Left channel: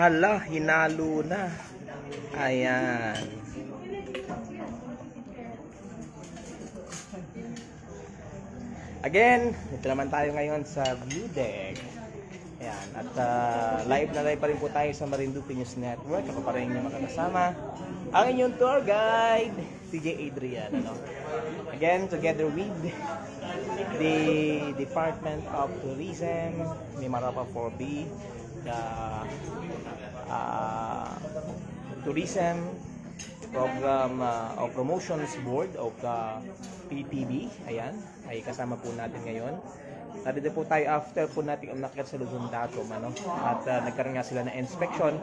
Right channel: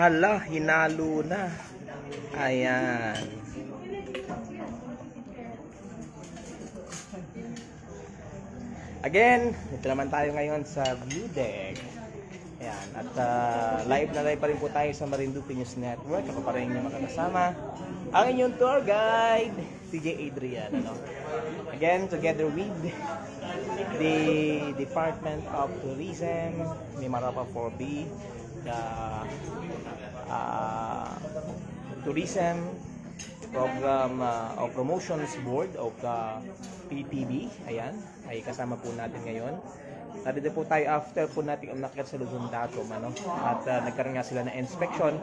Hala, hinalo na. Ayan. Again, ito naman tayo ngayon sa view deck. Ayan. At live na live pa rin po tayo sa Marinduque News Network. Ako pa rin yung makakasama ang inyong tour guide, TJ Adrian. Ano? Again, together with the Department of Tourism, Mimaropa 4B, the Tourism Program of Promotions Board of the PTB. Ayan, ay kasama po natin ngayon. Narito po tayo after po natin umakyat sa Luzon Datum, ano? At nagkaroon nga sila ng inspection.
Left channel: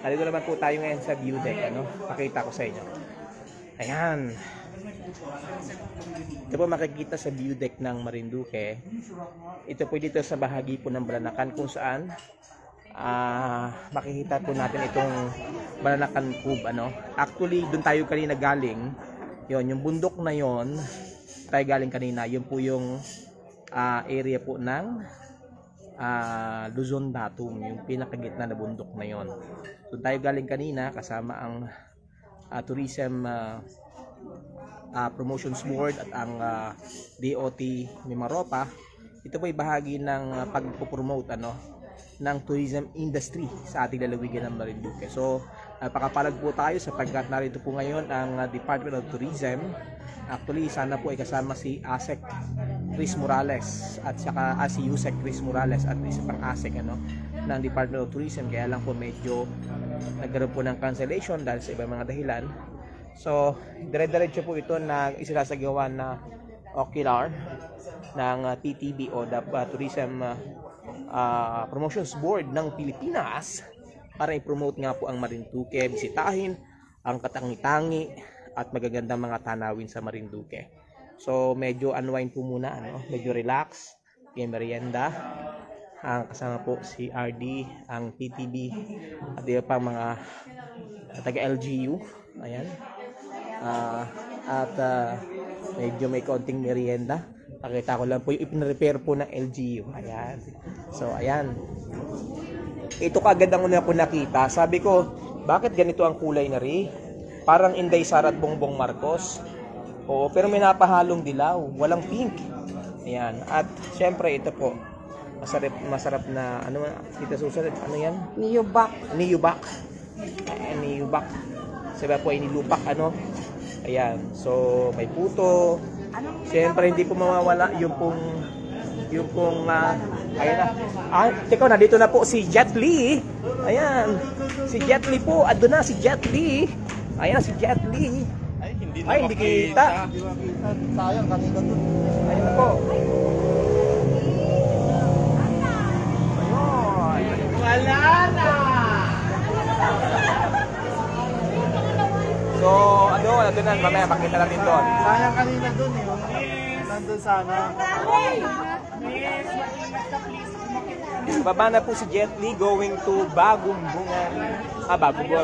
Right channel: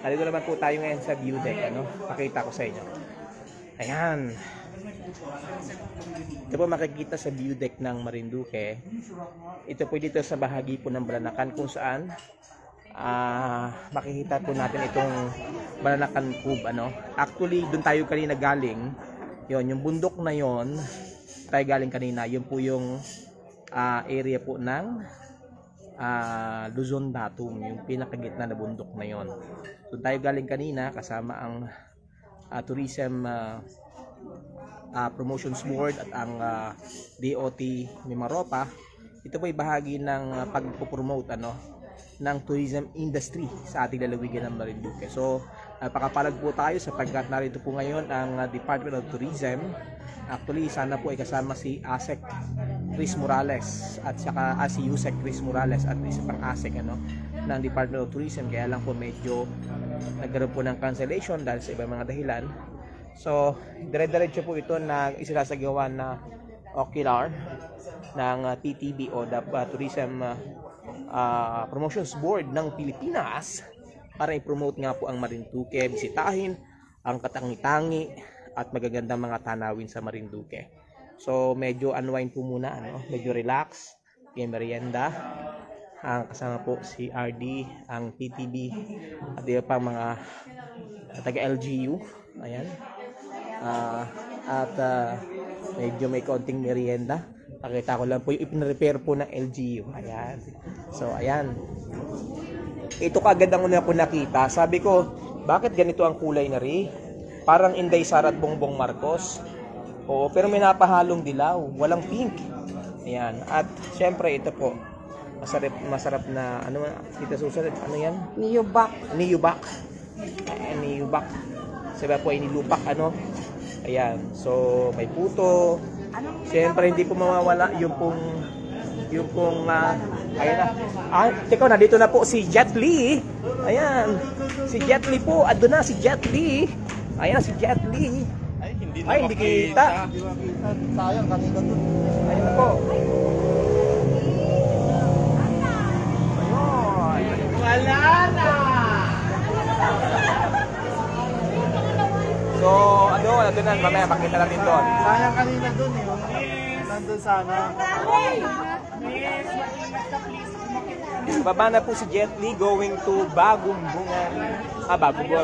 Narito naman po tayo ngayon sa view deck, ano? Pakita ko sa inyo. Ayan. Ito po makikita sa view deck ng Marinduque. Ito po dito sa bahagi po ng Balanacan kung saan makikita po natin itong Balanacan Cove, ano? Actually, doon tayo kanina galing. Yon, yung bundok na yon, tayo galing kanina. Yun po yung area po ng Luzon Datum, yung pinakagitna na bundok na yon. So tayo galing kanina kasama ang Tourism Promotions Board at ang DOT Mimaropa. Ito po ay bahagi ng pagpo-promote, ano, ng tourism industry sa ating lalawigan ng Marinduque. So napakapalag po tayo sapagkat narito po ngayon ang Department of Tourism. Actually, sana po ay kasama si ASEC Chris Morales at saka si USEC Chris Morales at isa pang ASEC, ano, ng Department of Tourism. Kaya lang po medyo nagkaroon po ng cancellation dahil sa ibang mga dahilan. So dire-diretso po ito na isinasagawa na ocular ng TTB o the Tourism Promotions Board ng Pilipinas para i-promote nga po ang Marinduque, bisitahin ang katangi-tangi at magagandang mga tanawin sa Marinduque. So medyo unwind po muna, ano, medyo relax, may merienda. Ang kasama po si RD, ang TTB at iba pang mga taga LGU. Ayan. Medyo may konting merienda. Pakita ko lang po yung ipin-repair po ng LGU. Ayan. So ayan. Ito kagad ang una ko nakita. Sabi ko, bakit ganito ang kulay na rin? Parang Inday Sara at Bongbong Marcos. Oo, pero may napahalong dilaw. Walang pink. Ayan. At syempre ito po. Masarap na, ano, kita susunod, ano yan? Niyubak. Niyubak. Ayan, niyubak. Sabi po ay nilupak, ano? Ayan. So, may puto. Siyempre, hindi po mawawala yung pong ayan na. Teka, nandito na po si Jet Li. Ayan. Si Jet Li po. Ado na si Jet Li. Ayan, si Jet Li. Ay, hindi kita. Sayang, kanina doon. Ayan na po. Wala na! So, ano na, mamaya makita natin doon. Sayang kanina doon eh. Nandun sana. Baba na po si Jet Li going to Bagumbungan.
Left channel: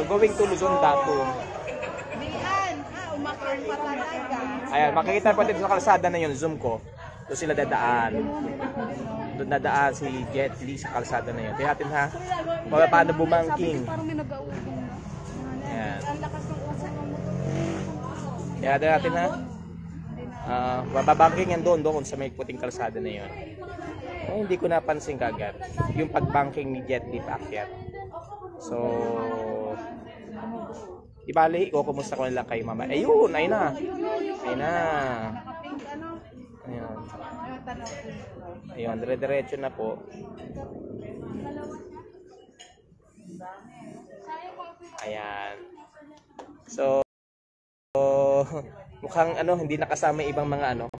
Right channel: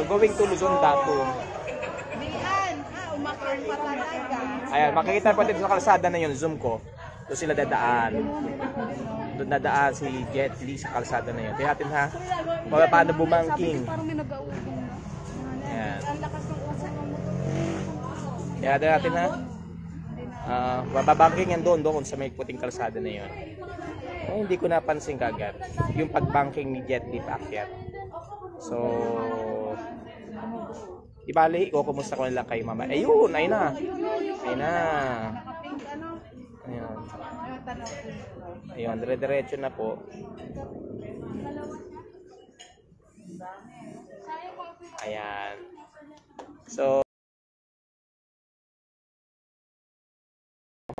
Going to Luzon Datum. Ayan, makikita po dito sa kalsada na yun, zoom ko. Doon sila dadaan. Doon dadaan si Jet Li sa kalsada na yun. Kaya natin ha, paano bumangking. Ayan. Kaya natin ha, bababangking yan doon sa may puting kalsada na yun. Ay, hindi ko napansin kagad yung pagbanking ni Jet Li paakyat. So, ibali ko, kumusta ko nila kay mama. Ayun, ayun na. Ayun na. Ayun. Ayun, dire-diretso na po. Ayan. So, mukhang ano, hindi nakasama ibang mga ano.